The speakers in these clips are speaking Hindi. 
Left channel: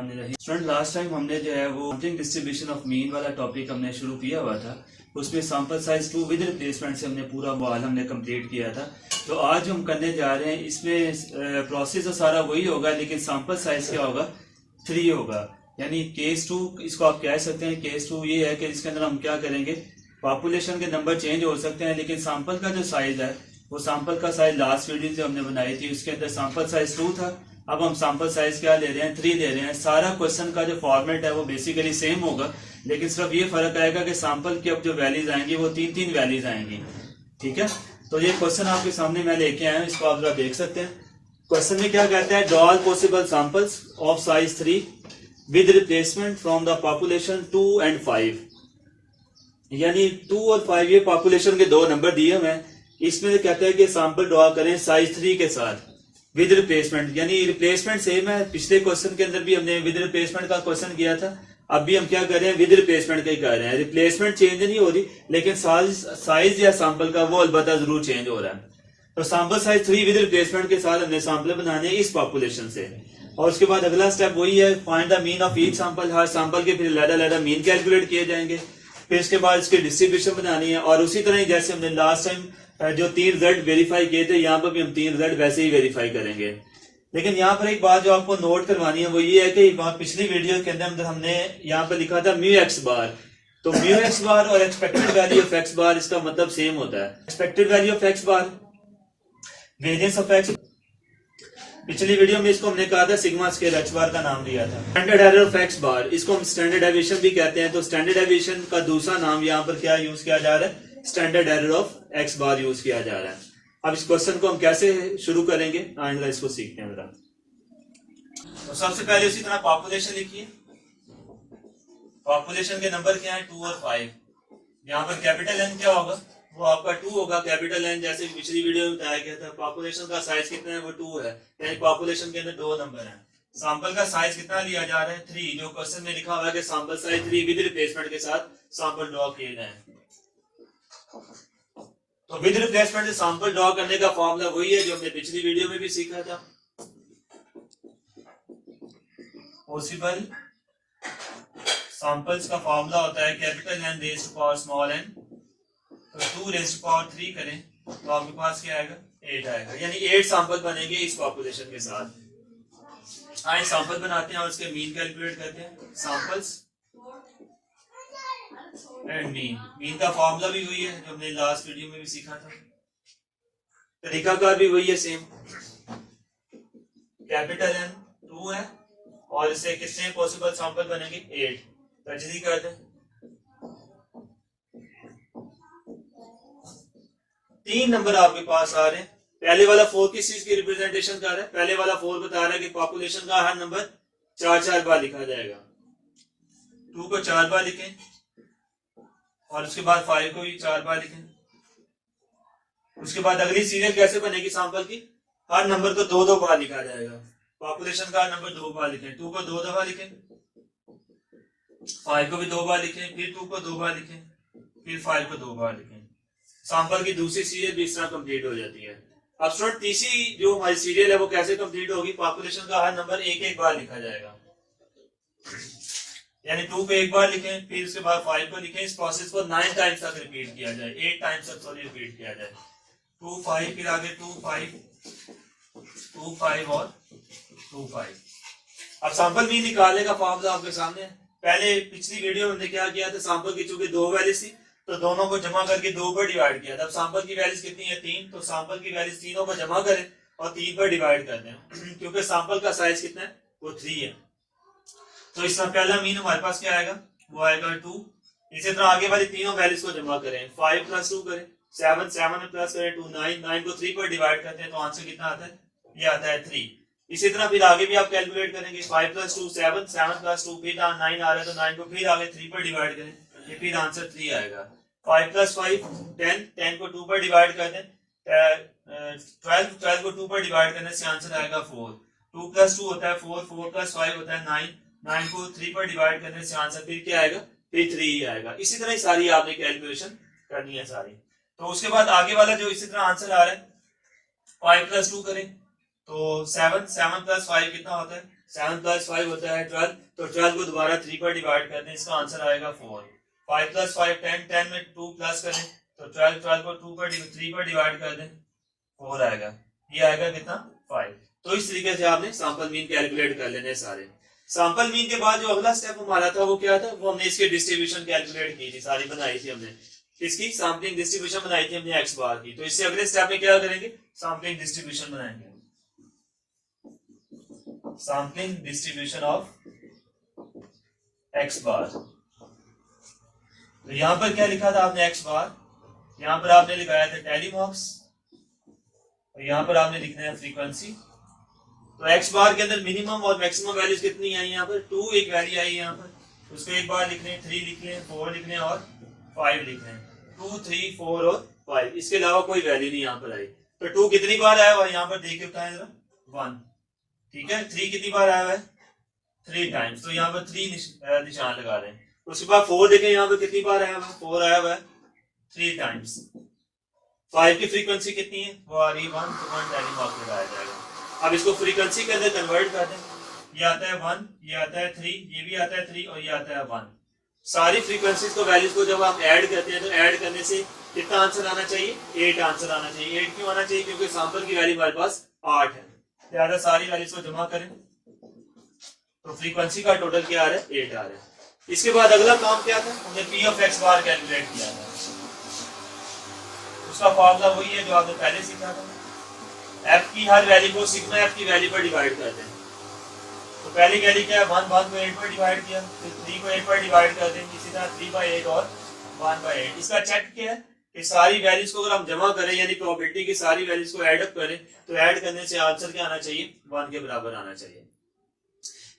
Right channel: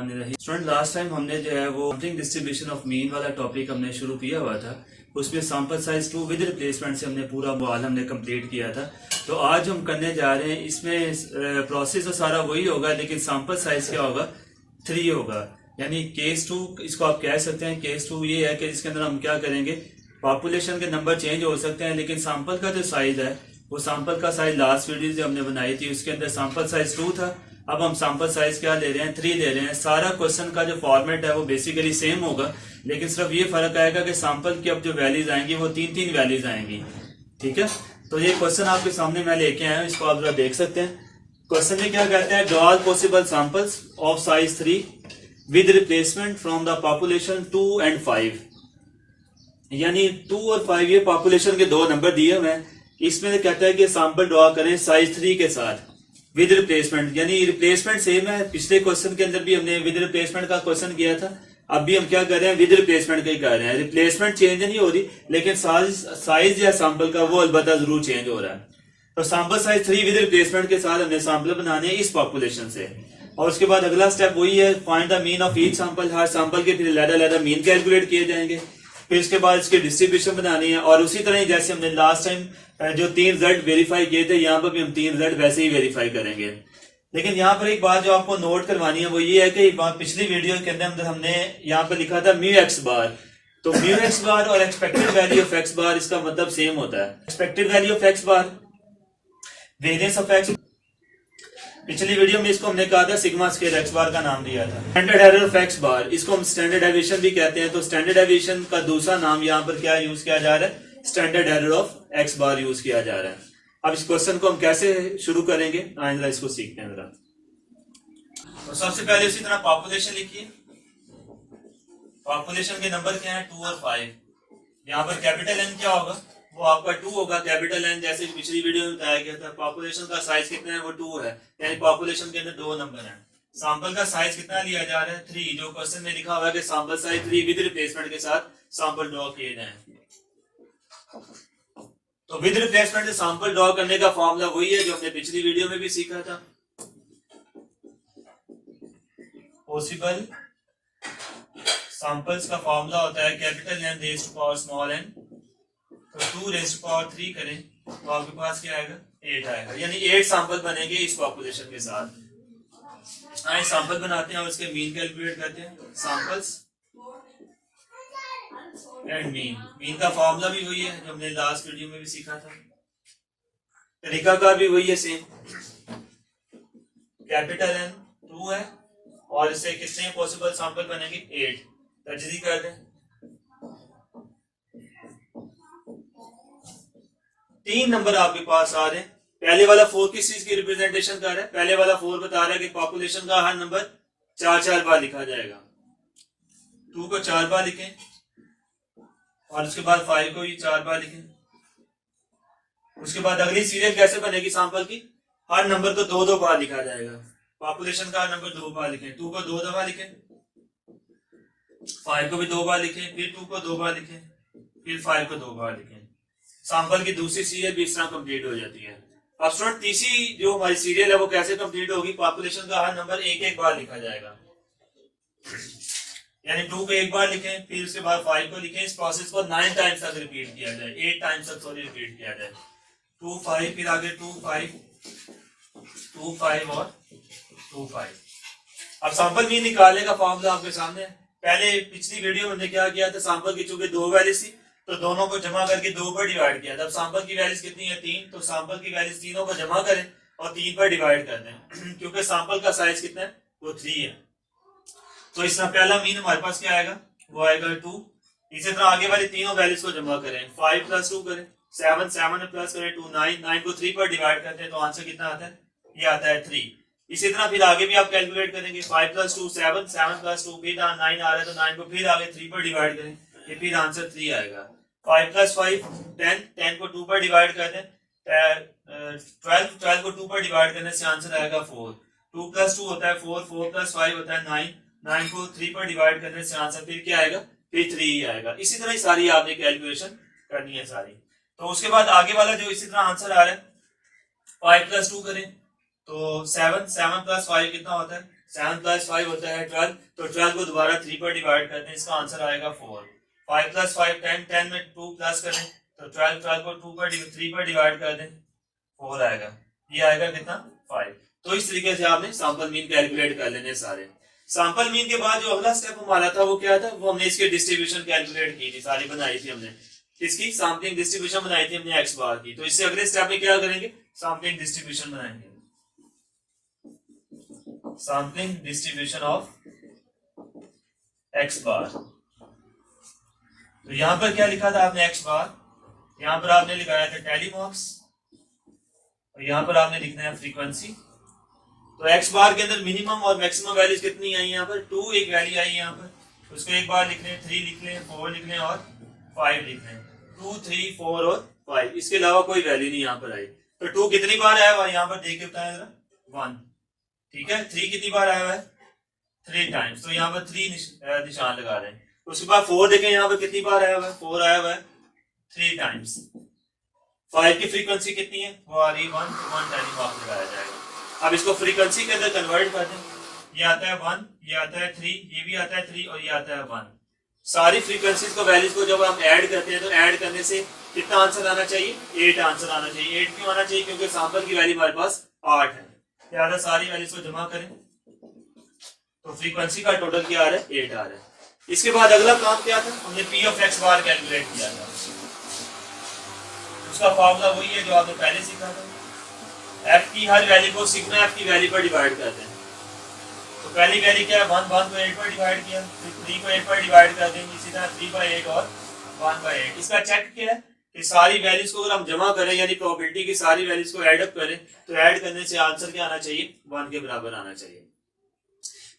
स्टूडेंट, लास्ट टाइम हमने जो है वो सैंपलिंग डिस्ट्रीब्यूशन ऑफ मीन वाला टॉपिक हमने शुरू किया हुआ था। उसमें सैंपल साइज 2 विद रिप्लेसमेंट से हमने पूरा मॉडल हमने कंप्लीट किया था। तो आज हम करने जा रहे हैं, इसमें प्रोसेस तो सारा वही होगा, लेकिन सैंपल साइज क्या होगा, 3 होगा। यानी केस 2 इसको आप कह सकते हैं। केस 2 ये है कि इसके अंदर हम क्या करेंगे, पॉपुलेशन के नंबर चेंज हो सकते हैं, लेकिन सैंपल का जो साइज है वो सैंपल का साइज लास्ट वीडियो जो हमने बनाई थी उसके अंदर सैंपल साइज 2 था। अब हम सैंपल साइज क्या ले रहे हैं, 3 ले रहे हैं। सारा क्वेश्चन का जो फॉर्मेट है वो बेसिकली सेम होगा, लेकिन सिर्फ ये फर्क आएगा कि सैंपल की अब जो वैल्यूज आएंगी वो 3 वैल्यूज आएंगी। ठीक है, तो ये क्वेश्चन आपके सामने मैं लेके आया हूँ, इसको आप जरा देख सकते हैं। क्वेश्चन में क्या कहता है, draw all possible samples of size 3 with replacement from the population 2 and 5। यानी 2 और 5 ये पॉपुलेशन के 2 नंबर दिए हुए हैं। इसमें कहता है कि सैंपल ड्रॉ करें साइज 3 के साथ विद रिप्लेसमेंट। यानी रिप्लेसमेंट सेम है, पिछले क्वेश्चन के अंदर भी हमने विद रिप्लेसमेंट का क्वेश्चन किया था। अब भी हम क्या कर रहे हैं, विद रिप्लेसमेंट का ही कर रहे हैं। रिप्लेसमेंट चेंज नहीं हो रही, लेकिन साइज या सैंपल का वो अलबत्ता जरूर चेंज हो रहा है। तो सैंपल साइज 3 विद रिप्लेसमेंट के साथ हमने सैंपल बनाने इस पॉपुलेशन से। और उसके बाद अगला स्टेप वही है, find the mean of each sample. Her sample के फिर अलग मीन कैलकुलेट किए जाएंगे। फिर इसके बाद इसकी डिस्ट्रीब्यूशन बनानी है। और उसी तरह जैसे हमने लास्ट टाइम जो 3 रिजल्ट वेरीफाई किए थे, यहाँ पर भी हम 3 रिजल्ट वैसे ही वेरीफाई करेंगे। लेकिन यहाँ पर एक बात जो आपको नोट करवानी है वो ये है कि पिछली वीडियो के अंदर हमने यहाँ पर लिखा था म्यू एक्स बार। तो म्यू एक्स बार और एक्सपेक्टेड वैल्यू ऑफ एक्स बार इसका मतलब सेम होता है। Expected value of x bar, variance of x. पिछली वीडियो में इसको हमने कहा था सिग्मा स्क्वायर एक्स बार का नाम दिया था। स्टैंडर्ड एरर ऑफ एक्स बार, इसको हम स्टैंडर्ड डेविएशन भी कहते हैं। तो स्टैंडर्ड डेविएशन का दूसरा नाम यहाँ पर क्या यूज किया जा रहा है, standard error of x bar use किया जा रहा है। अब इस क्वेश्चन को हम कैसे शुरू करेंगे, आइंदा इसको सीखते हैं जरा। तो सबसे पहले उसी तरह पॉपुलेशन लिखिए। पॉपुलेशन के नंबर क्या है, 2 और 5। यहाँ पर कैपिटल एन क्या होगा, वो आपका 2 होगा। कैपिटल एन जैसे पिछली वीडियो में बताया गया था। पॉपुलेशन का साइज कितना है, वो 2 है। यानी पॉपुलेशन के अंदर 2 नंबर हैं। सैंपल का साइज कितना लिया जा रहा है, 3। जो क्वेश्चन में लिखा हुआ है कि सैंपल साइज 3 विद रिप्लेसमेंट के साथ सैंपल ड्रॉ किए जाएं। तो विद रिप्लेसमेंट से सैंपल ड्रॉ करने का फॉर्मूला वही है जो हमने पिछली वीडियो में भी सीखा था। पॉसिबल सैंपल्स का फॉर्मूला होता है capital N raise to power small N. तो 2 रेज़ टू पावर 3 करें तो आपके पास क्या आएगा, 8 आएगा। यानी 8 सैंपल बनेंगे इस पॉपुलेशन के साथ। आए सैंपल बनाते हैं और उसके मीन कैलकुलेट करते हैं। सैंपल्स एंड मीन का फॉर्मूला भी वही है जो हमने लास्ट वीडियो में भी सीखा था। तरीकाकार भी वही है सेम। कैपिटल एन 2 है और इससे कितने पॉसिबल सैंपल बनेंगे, 8। तर्जदी कर दें। 3 नंबर आपके पास आ रहे हैं। पहले वाला 4 किस चीज की रिप्रेजेंटेशन कर रहा है, पहले वाला 4 बता रहा है कि पॉपुलेशन का हर नंबर 4 बार लिखा जाएगा। 2 को 4 बार लिखें और उसके बाद 5 को भी 4 बार लिखें। उसके बाद अगली सीरियल कैसे बनेगी सैंपल की, हर नंबर को 2 बार लिखा जाएगा। पॉपुलेशन का हर नंबर 2 बार लिखें। 2 को 2 दफा लिखें, 5 को भी 2 बार लिखें, फिर 2 को 2 बार लिखें, फिर 5 को 2 बार लिखें। सैंपल की दूसरी सीरियल भी इस तरह कंप्लीट हो जाती है। अब स्टूडेंट तीसरी जो हमारी सीरियल है वो कैसे कंप्लीट होगी, पॉपुलेशन का हर नंबर एक बार लिखा जाएगा। यानी 2 को 1 बार लिखें, फिर उसके बाद 5 को लिखें। इस प्रोसेस को 9 टाइम्स तक रिपीट किया जाए, 8 टाइम्स तक रिपीट किया जाए। 2 5 फिर आगे 2 5 2 5 और 2 5। अब सैंपल भी निकालने का फॉर्मूला आपके सामने। पहले पिछली वीडियो में हमने क्या किया था, सैंपल की चूंकि 2 वैल्यूज थी तो दोनों को जमा करके 2 पर डिवाइड किया था। अब सैंपल की वैल्यूज कितनी है, 3। तो सैंपल की वैल्यूज तीनों को जमा करें और 3 पर डिवाइड कर दें क्योंकि सैंपल का साइज कितना है, वो 3 है। तो इसका पहला मीन हमारे पास क्या आएगा, वो आएगा 2। इसी तरह आगे वाली तीनों वैल्यूज को जमा करें। 5 + 2 करें, 7 7 प्लस करें 2 9 9 को 3 पर डिवाइड करते हैं तो आंसर कितना आता है, ये आता है 3। इसी तरह फिर आगे भी आप कैलकुलेट करेंगे। 5 + 2 7 7 + 2 फिर 9 आ रहा है तो 9 को फिर आगे 3 पर डिवाइड करें, ये फिर आंसर 3 आएगा। 5 + 5 10 10 को 2 पर डिवाइड कर दें, 12 को 2 पर डिवाइड करने से आंसर आएगा 4। 2 + 2 होता है 4 4 + 5 होता है 9 9 को 3 पर डिवाइड करने से आंसर फिर क्या आएगा, फिर 3 ही आएगा। इसी तरह सारी आपने कैलकुलेशन करनी है सारी। तो उसके बाद आगे वाला जो इसी तरह आंसर आ रहा है, 5 + 2 करें तो 7 7 + 5 कितना होता है 7 प्लस 5 होता है 12, तो 12 को दोबारा 3 पर डिवाइड करते हैं, इसका आंसर आएगा 4। 5 प्लस 5 10, 10 में 2 प्लस करें तो 12 को 3 पर डिवाइड कर दें, 4 आएगा। ये आएगा कितना 5। तो इस तरीके से आपने सैंपल मीन कैलकुलेट कर लेने सारे। सैंपल मीन के बाद जो अगला स्टेप हमारा था वो क्या था, वो हमने इसकी डिस्ट्रीब्यूशन कैलकुलेट की थी, सारी बनाई थी हमने, इसकी सैंपलिंग डिस्ट्रीब्यूशन बनाई थी हमने एक्स बार की। तो इससे अगले स्टेप में क्या करेंगे, सैंपलिंग डिस्ट्रीब्यूशन बनाएंगे, सैंपलिंग डिस्ट्रीब्यूशन ऑफ एक्स बार। तो यहां पर क्या लिखा था आपने एक्स बार, यहां पर आपने लिखाया था टेलीमॉक्स, और यहां पर आपने लिखना है फ्रीक्वेंसी। तो एक्स बार के अंदर मिनिमम और मैक्सिमम वैल्यूज कितनी आई यहाँ पर, 2 एक वैल्यू आई यहाँ पर, उसको एक बार लिख लें, 3 लिख लें, 4 लिख लें और 5 लिख लें। 2, 3, 4 और 5, इसके अलावा कोई वैल्यू नहीं यहाँ पर आई। तो 2 कितनी बार आया हुआ यहाँ पर देख के बताएं जरा, 1, ठीक है। 3 कितनी बार आया हुआ है, 3 टाइम्स, तो यहाँ पर 3 निशान लगा रहे हैं। उसके बाद 4 देखें यहाँ पर कितनी बार आया हुआ है, 4 आया हुआ है 3 टाइम्स। 5 की फ्रीक्वेंसी कितनी है, वो आ रही है 1, तो 1 टेलीमॉक लगाया जाएगा। अब इसको फ्रीक्वेंसी के अंदर कन्वर्ट कर दें, ये आता है 1, ये आता है 3, ये भी आता है 3 और ये आता है 1। सारी फ्रीक्वेंसीज को वैल्यूज को जब हम ऐड करते हैं तो ऐड करने से कितना आंसर आना चाहिए, 8 आंसर आना चाहिए। 8 क्यों आना चाहिए, क्योंकि सैंपल की वैल्यू हमारे पास 8 है। लिहाजा सारी वैल्यूज को जमा करें तो फ्रीक्वेंसी का टोटल क्या आ रहा है, 8 आ रहा है। इसके बाद अगला काम क्या था, हमने P of x bar calculate किया था, उसका फॉर्मूला वही है जो आपने पहले सीखा था। एफ की हर वैल्यू को सिग्मा एफ की वैल्यू पर डिवाइड करते हैं। तो पहली वैल्यू क्या है, 1 को 8 पर डिवाइड किया, फिर 3 को 8 पर डिवाइड कर देंगे, इसी तरह 3/8 और 1/8। इसका चेक क्या है कि सारी वैल्यूज को अगर हम जमा करें यानी प्रोबेबिलिटी की सारी वैल्यूज को ऐड अप करें तो ऐड करने से आंसर क्या आना चाहिए, 1 के बराबर आना चाहिए।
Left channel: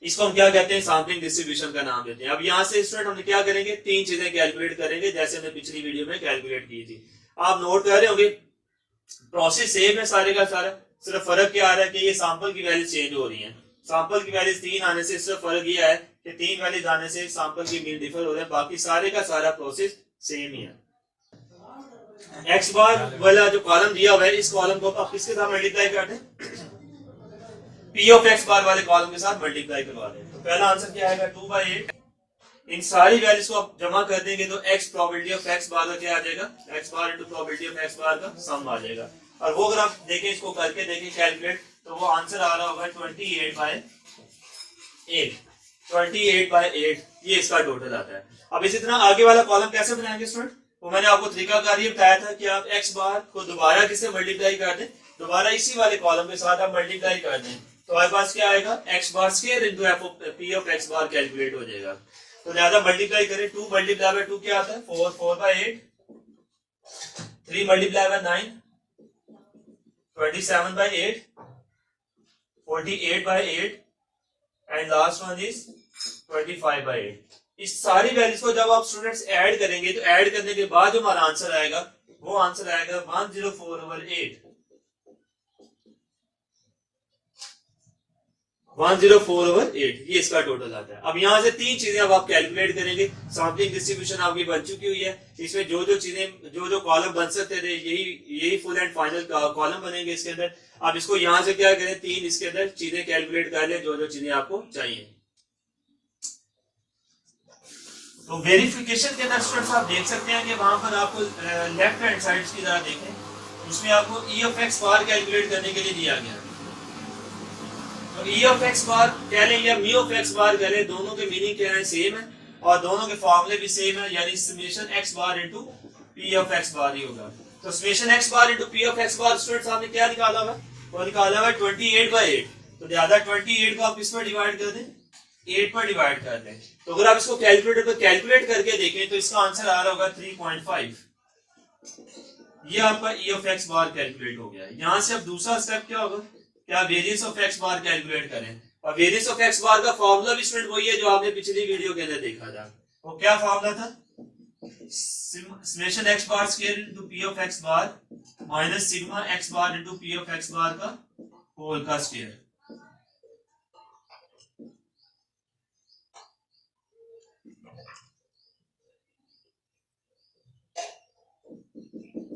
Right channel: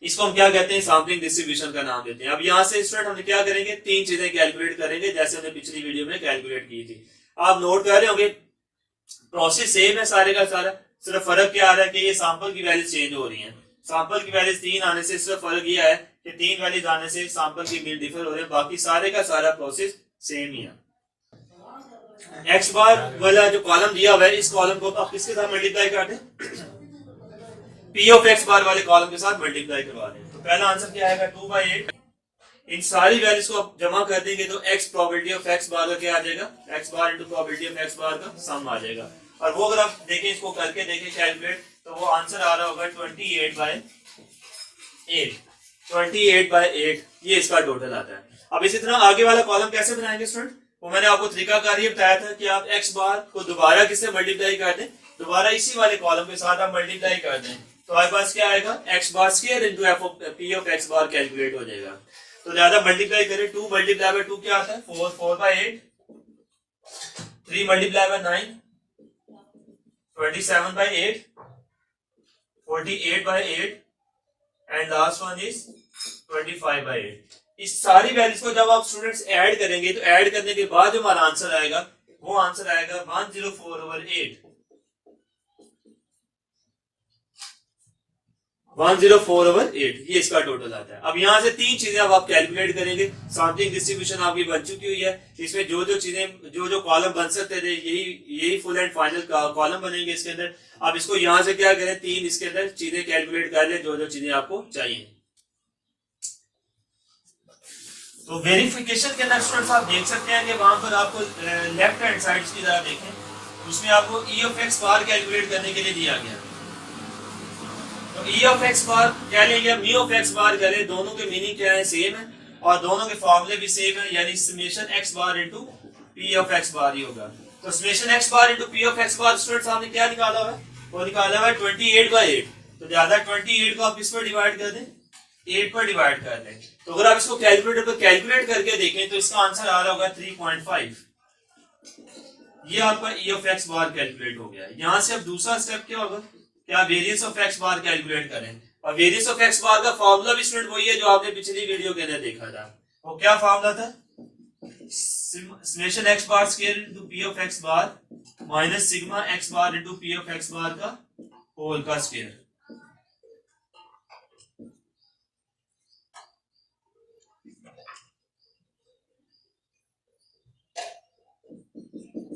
इसको हम क्या कहते हैं, सैंपलिंग डिस्ट्रीब्यूशन का नाम देते हैं। अब यहाँ से स्टूडेंट हमने क्या करेंगे, 3 चीजें कैलकुलेट करेंगे जैसे हमने पिछली वीडियो में कैलकुलेट की थी। आप नोट कर रहे होंगे प्रोसेस सेम है सारे का सारा, सिर्फ फर्क क्या आ रहा है कि ये सैंपल की वैल्यूज चेंज हो रही हैं। सैंपल की वैल्यूज 3 आने से सिर्फ फर्क ये है कि 3 वैल्यूज आने से सैंपल की मीन डिफर हो रहे हैं, बाकी सारे का सारा प्रोसेस सेम ही है। एक्स बार वाला जो कॉलम दिया हुआ है, इस कॉलम को आप किसके साथ मल्टीप्लाई कर दें, पी ऑफ एक्स बार वाले कॉलम के साथ मल्टीप्लाई करवा दें। तो पहला आंसर क्या आएगा, 2/8। इन सारी वैल्यूज को आप जमा कर देंगे तो x probability of x bar का क्या आ जाएगा, x bar into probability of x bar का सम आ जाएगा। और वो अगर आप देखें, इसको करके देखें कैलकुलेट, तो वो आंसर आ रहा होगा 28/8। 28/8 ये इसका टोटल आता है। अब इसी तरह आगे वाला कॉलम कैसे बनाएंगे स्टूडेंट, वो मैंने आपको तरीकाकार ये बताया था कि आप एक्स बार को दोबारा किससे मल्टीप्लाई कर दें, दोबारा इसी वाले कॉलम के साथ आप मल्टीप्लाई कर दें तो हमारे पास क्या आएगा, x bar square into F of P of x bar calculate हो जाएगा। तो ज्यादा मल्टीप्लाई करें, 2 मल्टीप्लाई बाय 2 क्या आता है, 4, 4/8, 3 multiply by 9, 27/8, 48/8 and last one is 25/8। इस सारी वैल्यूज को जब आप स्टूडेंट्स ऐड करेंगे तो ऐड करने के बाद जो हमारा आंसर आएगा वो आंसर आएगा 104/8। 104/8 ये इसका टोटल आता है। अब यहाँ से 3 चीजें अब आप कैलकुलेट करेंगे। सैंपलिंग डिस्ट्रीब्यूशन आपकी बन चुकी हुई है, इसमें जो जो चीजें जो कॉलम बन सकते थे यही फुल एंड फाइनल कॉलम बनेंगे इसके अंदर। अब इसको यहाँ से क्या करें, 3 इसके अंदर चीजें कैलकुलेट कर ले जो जो चीजें आपको चाहिए। तो वेरिफिकेशन के अंदर स्टूडेंट्स आप देख सकते हैं कि वहां पर आपको लेफ्ट हैंड साइड की तरह देखें, उसमें आपको ई ऑफ एक्स बार कैलकुलेट करने के लिए दिया गया है। तो ई ऑफ एक्स बार क्या लेंगे, मी ऑफ एक्स बार करें, दोनों के मीनिंग क्या है, सेम है और दोनों के फॉर्मूले भी सेम है, यानी summation x bar into p of x bar ही होगा। तो summation x bar into p of x bar students आपने क्या निकाला हुआ है, वो निकाला हुआ है 28/8। तो ज्यादा 28 को आप किस पर डिवाइड कर दें, 8 पर डिवाइड कर दें। तो अगर आप इसको कैलकुलेटर पर कैलकुलेट करके देखें तो इसका आंसर आ रहा होगा 3.5। ये आपका ई ऑफ एक्स बार कैलकुलेट हो गया है। यहां से अब दूसरा स्टेप क्या होगा, क्या variance of x bar calculate करें। और वेरियंस ऑफ एक्स बार का फॉर्मूला भी स्टूडेंट वही है जो आपने पिछली वीडियो के अंदर देखा था। वो क्या फॉर्मूला था, summation x bar square into p of x bar minus sigma x bar into p of x bar का होल का स्क्वायर।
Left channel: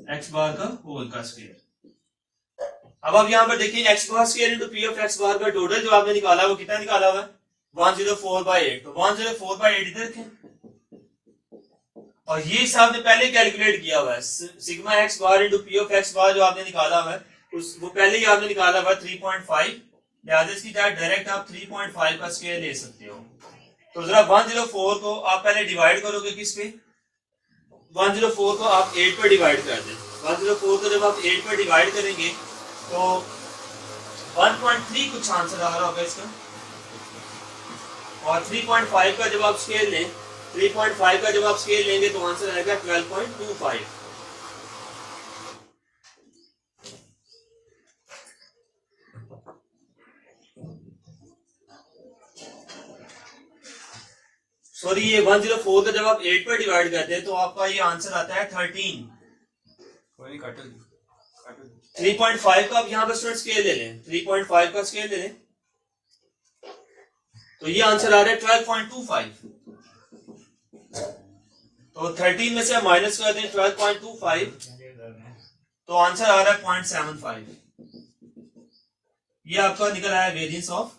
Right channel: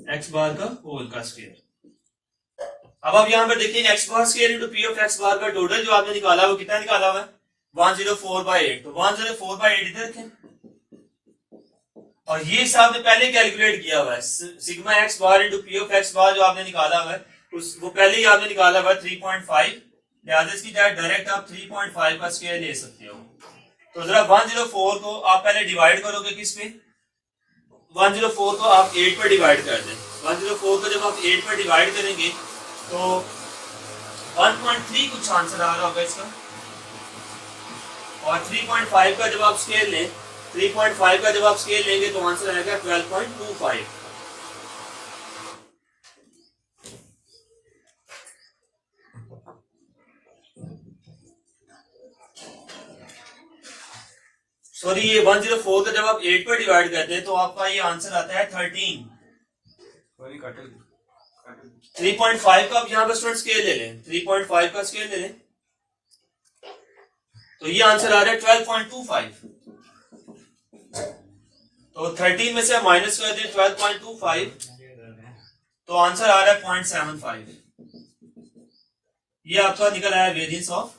एक्स बार का होल का स्क्वायर। अब आप यहाँ पर देखिए x bar square into p of x bar का टोटल जो आपने निकाला है वो कितना निकाला हुआ है 104/8। तो 104/8 इधर रखें और ये हिसाब ने पहले कैलकुलेट किया हुआ है sigma x bar into p of x bar जो आपने निकाला हुआ है उस वो पहले ही आपने निकाला हुआ है 3.5। लिहाजा इसकी डायरेक्ट आप 3.5 का स्क्वायर ले सकते हो। तो जरा 104 को आप पहले डिवाइड करोगे किस पे 104 को आप 8 पर डिवाइड कर दें। 104 को जब आप 8 पर डिवाइड करेंगे तो 1.3 कुछ आंसर आ रहा होगा इसका और 3.5 का जब आप स्केल लें 3.5 का जब आप स्केल लेंगे तो आंसर आएगा 12.25। सॉरी ये 104 का जब आप 8 पर डिवाइड करते हैं तो आपका ये आंसर आता है 13। 3.5 का आप यहाँ पर स्टूडेंट स्केल ले लें 3.5 का स्केल ले लें तो ये आंसर आ रहा है 12.25। तो 13 में से आप माइनस कर दें 12.25 तो आंसर आ रहा है 0.75। ये आपका निकल आया वेरिएंस ऑफ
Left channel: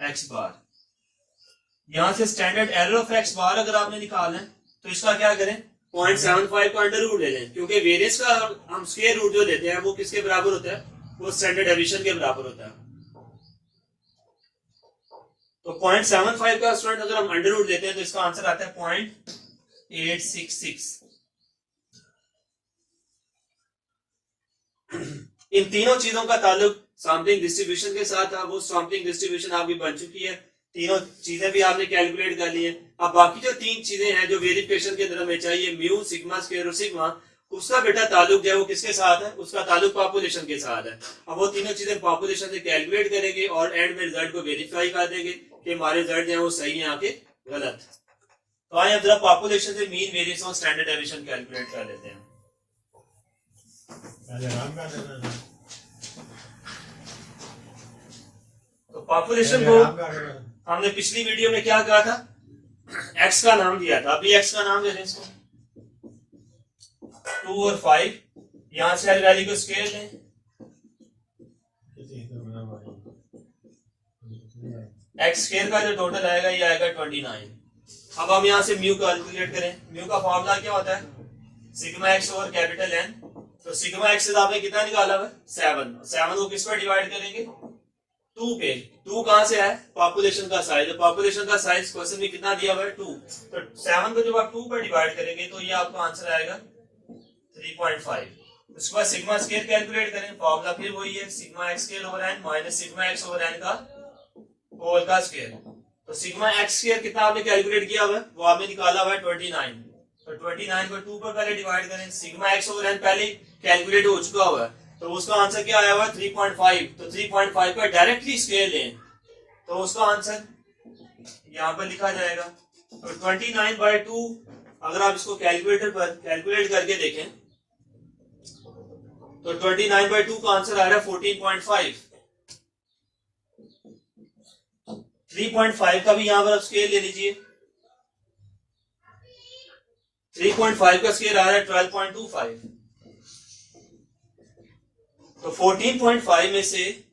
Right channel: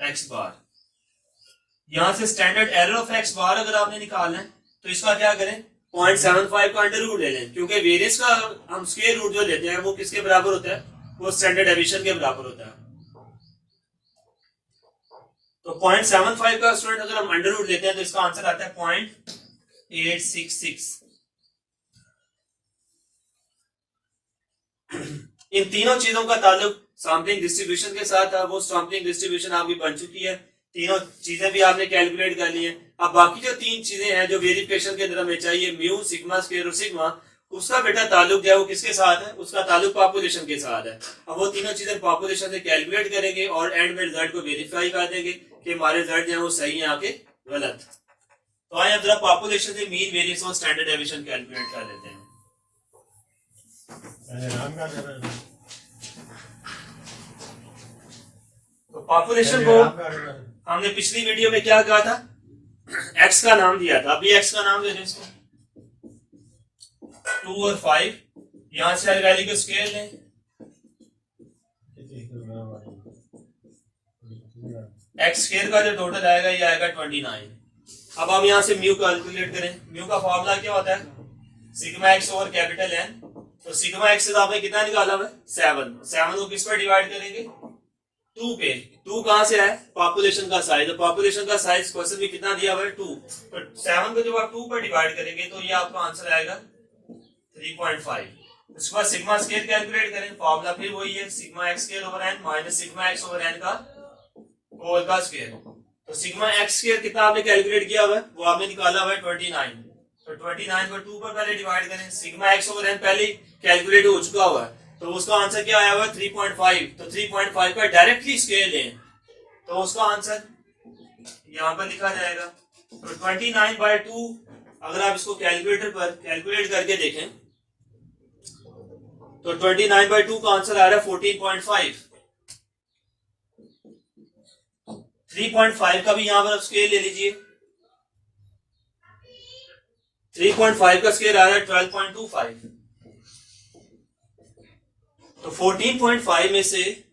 एक्स बार। यहां से स्टैंडर्ड एरर ऑफ एक्स बार अगर आपने निकालना है तो इसका क्या करें 0.75 का अंडर रूट ले लें क्योंकि वेरिएंस का हम स्क्वायर रूट जो लेते हैं वो किसके बराबर होता है वो स्टैंडर्ड डेविएशन के बराबर होता है। तो 0.75 का स्टूडेंट अगर हम अंडर रूट लेते हैं तो इसका आंसर आता है 0.866। इन तीनों चीजों का ताल्लुक सैंपलिंग डिस्ट्रीब्यूशन के साथ है। वो सैंपलिंग डिस्ट्रीब्यूशन आपकी बन चुकी है, तीनों चीजें भी आपने कैलकुलेट कर ली है। अब बाकी जो तीन चीजें हैं जो वेरिफिकेशन के अंदर हमें चाहिए म्यू सिग्मा स्क्वायर और सिग्मा उसका बेटा ताल्लुक जो है वो किसके साथ है उसका ताल्लुक पॉपुलेशन के साथ है। अब वो तीनों चीजें पॉपुलेशन से कैलकुलेट करेंगे और एंड में रिजल्ट को वेरीफाई कर देंगे कि हमारे रिजल्ट जो है वो सही है आके गलत। तो आइए अब जरा पॉपुलेशन से मीन वेरिएंस और स्टैंडर्ड डेविएशन कैलकुलेट कर लेते हैं। तो पॉपुलेशन को हमने पिछली वीडियो में क्या कहा था एक्स का नाम दिया था। अभी एक्स का नाम दे दें इसको 2 और 5। यहां से हर वैल्यू को स्केल लें एक्स स्क्वायर का जो टोटल आएगा ये आएगा 29। अब हम यहां से म्यू कैलकुलेट करें। म्यू का फॉर्मूला क्या होता है sigma X over capital N. तो सिग्मा एक्स से आपने कितना निकाला है 7। 7 को किस पर डिवाइड करेंगे 2 पे। 2 कहां से है पॉपुलेशन का साइज। तो पॉपुलेशन का साइज क्वेश्चन में कितना दिया हुआ है 2। तो 7 को जब आप 2 पर डिवाइड करेंगे तो ये आपका आंसर आएगा 3.5। उसके बाद सिग्मा स्क्वायर कैलकुलेट करें। फॉर्मूला फिर वही है sigma X square over N minus sigma X over N का होल का स्क्वायर। तो सिग्मा एक्स स्क्वायर कितना आपने कैलकुलेट किया हुआ है वो आपने निकाला हुआ है 29। तो 29 को 2 पर पहले डिवाइड करें। सिग्मा एक्स ओवर एन पहले कैलकुलेट हो चुका हुआ है तो उसका आंसर क्या आया हुआ है 3.5। तो 3.5 का डायरेक्टली स्क्वायर लें तो उसका आंसर यहां पर लिखा जाएगा। तो 29/2 अगर आप इसको कैलकुलेटर पर कैलकुलेट करके देखें तो 29/2 का आंसर आ रहा है 14.5। 3.5 का भी यहां पर आप स्क्वायर ले लीजिए। 3.5 का स्क्वायर आ रहा है 12.25। तो 14.5 में से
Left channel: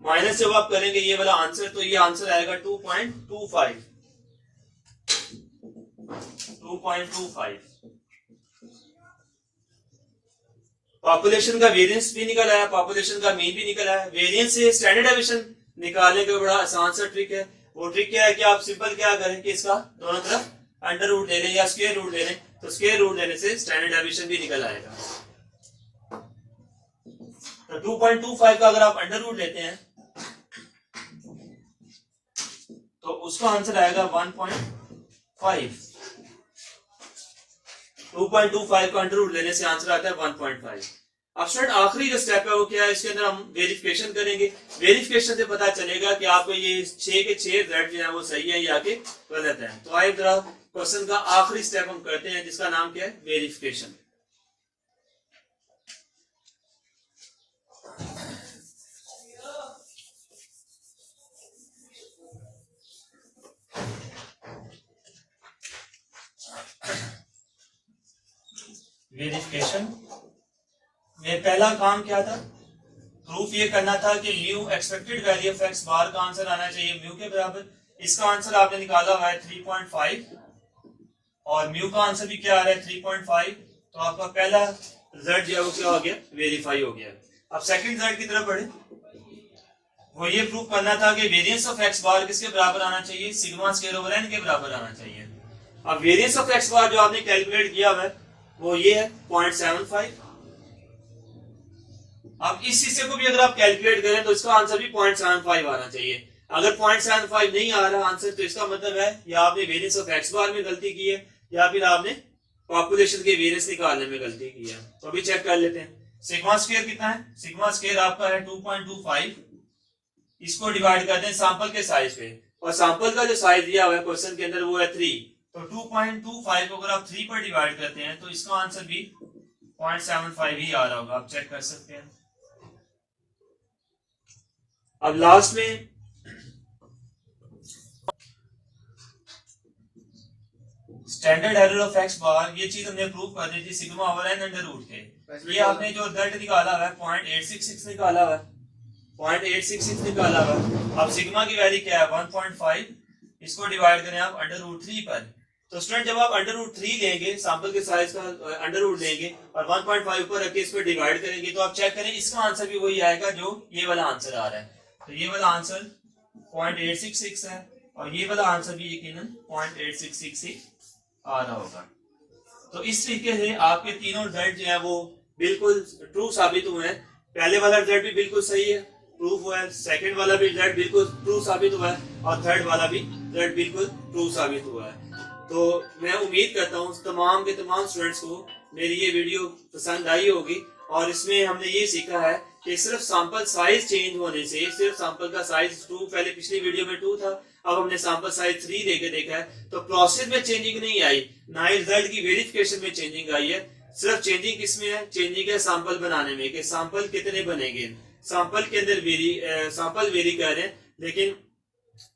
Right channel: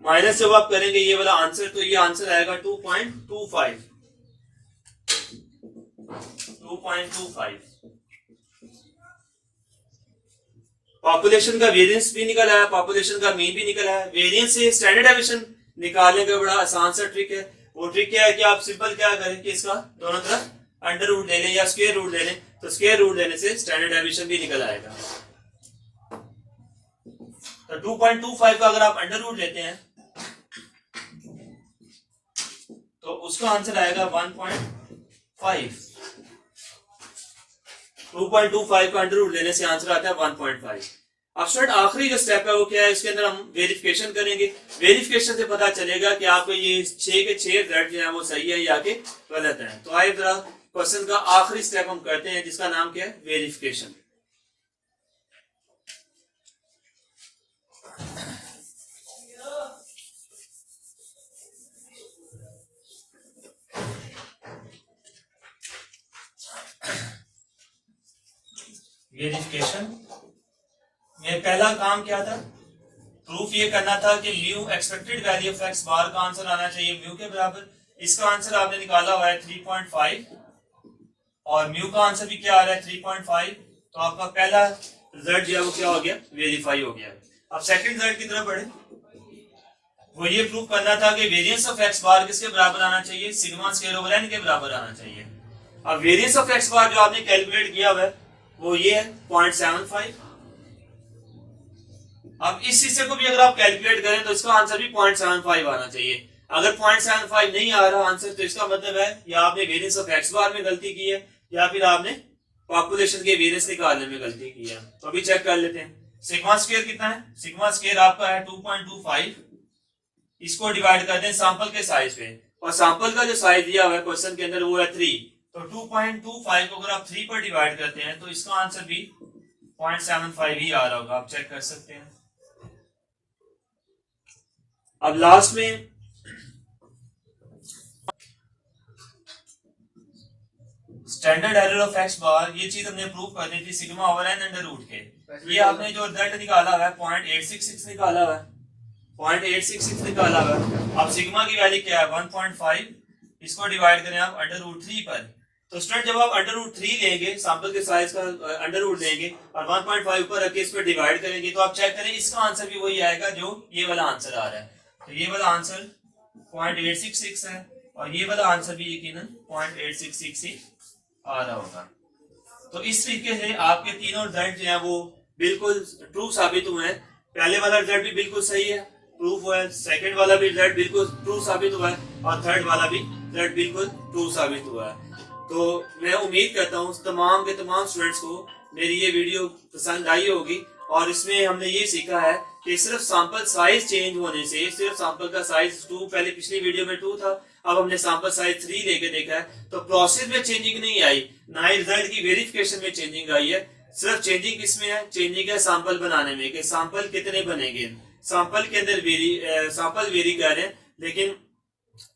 माइनस जब आप करेंगे ये वाला आंसर तो ये आंसर आएगा 2.25। 2.25 पॉपुलेशन का वेरिएंस भी निकल आया, पॉपुलेशन का मीन भी निकल आया। वेरिएंस से स्टैंडर्ड डेविएशन निकालने का बड़ा आसान सा ट्रिक है। वो ट्रिक क्या है कि आप सिंपल क्या करें कि इसका दोनों तरफ अंडर रूट ले लें या स्क्वायर रूट ले लें। तो स्क्वायर रूट लेने से स्टैंडर्ड डेविएशन भी निकल आएगा। तो 2.25 का अगर आप अंडर रूट लेते हैं तो उसका आंसर आएगा 1.5। 2.25 का अंडर रूट लेने से आंसर आता है 1.5। अब स्टूडेंट आखिरी जो स्टेप है वो क्या है इसके अंदर हम वेरिफिकेशन करेंगे। वेरिफिकेशन से पता चलेगा कि आपको ये 6 के 6 रिजल्ट जो है वो सही है या कि गलत है। तो आइए जरा क्वेश्चन का आखिरी स्टेप हम करते हैं जिसका नाम क्या है वेरिफिकेशन। वेरिफिकेशन में पहला काम क्या था प्रूफ ये करना था कि mu expected value of x bar का आंसर आना चाहिए म्यू के बराबर। इसका आंसर आपने निकाला हुआ है 3.5 और म्यू का आंसर भी क्या आ रहा है 3.5। तो आपका पहला रिजल्ट जो है वो क्या हो गया, वेरीफाई हो गया। अब सेकंड रिजल्ट की तरफ बढ़े। वो ये प्रूव करना था कि वेरिएंस ऑफ एक्स बार किसके बराबर आना चाहिए, सिग्मा स्क्वायर ओवर एन के बराबर आना चाहिए। अब वेरिएंस ऑफ एक्स बार जो आपने कैलकुलेट किया हुआ है वो ये है 0.75। अब इस हिस्से को भी अगर आप कैलकुलेट करें तो इसका आंसर भी 0.75 आना चाहिए। अगर 0.75 नहीं आ रहा आंसर तो इसका मतलब है या आपने वेरिएंस ऑफ एक्स बार में गलती की है या फिर आपने पॉपुलेशन के वेरिएंस निकालने में गलती की है। तो अभी चेक कर लेते हैं। सिग्मा स्क्वायर कितना है, सिग्मा स्क्वायर आपका है 2.25। इसको डिवाइड करते हैं सैंपल के साइज पे और सैंपल का जो साइज दिया हुआ है क्वेश्चन के अंदर वो है 3। तो 2.25 को अगर आप 3 पर डिवाइड करते हैं तो इसका आंसर भी 0.75 ही आ रहा होगा, आप चेक कर सकते हैं। अब लास्ट में standard error of x bar, ये चीज हमने प्रूव करनी थी sigma over N under root के। ये आपने जो रिजल्ट निकाला है 0.866 निकाला है, 0.866 निकाला है। अब सिग्मा की वैल्यू क्या है 1.5। इसको डिवाइड करें आप अंडर रूट 3 पर। तो स्टूडेंट जब आप अंडर रूट 3 लेंगे, सैंपल के साइज का अंडर रूट लेंगे और 1.5 ऊपर रख के इस पर डिवाइड करेंगे तो आप चेक करें इसका आंसर भी वही आएगा जो ये वाला आंसर आ रहा है। तो ये वाला आंसर 0.866 है और ये वाला आंसर भी यकीनन 0.866 ही आ रहा होगा। तो इस तरीके से आपके तीनों रिजल्ट जो है वो बिल्कुल ट्रू साबित हुए हैं। पहले वाला रिजल्ट भी बिल्कुल सही है, प्रूफ हुआ है। सेकंड वाला भी रिजल्ट बिल्कुल ट्रू साबित हुआ है और थर्ड वाला भी रिजल्ट बिल्कुल ट्रू साबित हुआ है। तो मैं उम्मीद करता हूँ तमाम के तमाम स्टूडेंट्स को मेरी ये वीडियो पसंद आई होगी और इसमें हमने ये सीखा है कि सिर्फ सैंपल साइज चेंज होने से, सिर्फ सैंपल का साइज 2 पहले पिछली वीडियो में 2 था, अब हमने सैंपल साइज 3 लेके देखा है तो प्रोसेस में चेंजिंग नहीं आई, ना ही रिजल्ट की वेरिफिकेशन में चेंजिंग आई है। सिर्फ चेंजिंग किसमें है, चेंजिंग है सैंपल बनाने में कि सैंपल कितने बनेंगे। सैंपल के अंदर सैंपल वेरी कर रहे हैं लेकिन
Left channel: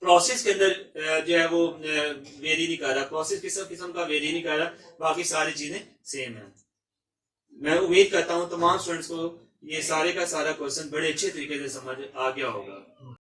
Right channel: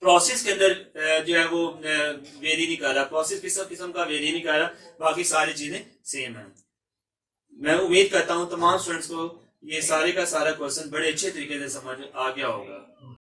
प्रोसेस के अंदर जो है वो वेरी नहीं कर रहा, प्रोसेस किस्म का वेरी नहीं कर रहा, बाकी सारी चीजें सेम है। मैं उम्मीद करता हूँ तमाम स्टूडेंट्स को ये सारे का सारा क्वेश्चन बड़े अच्छे तरीके से समझ आ गया होगा।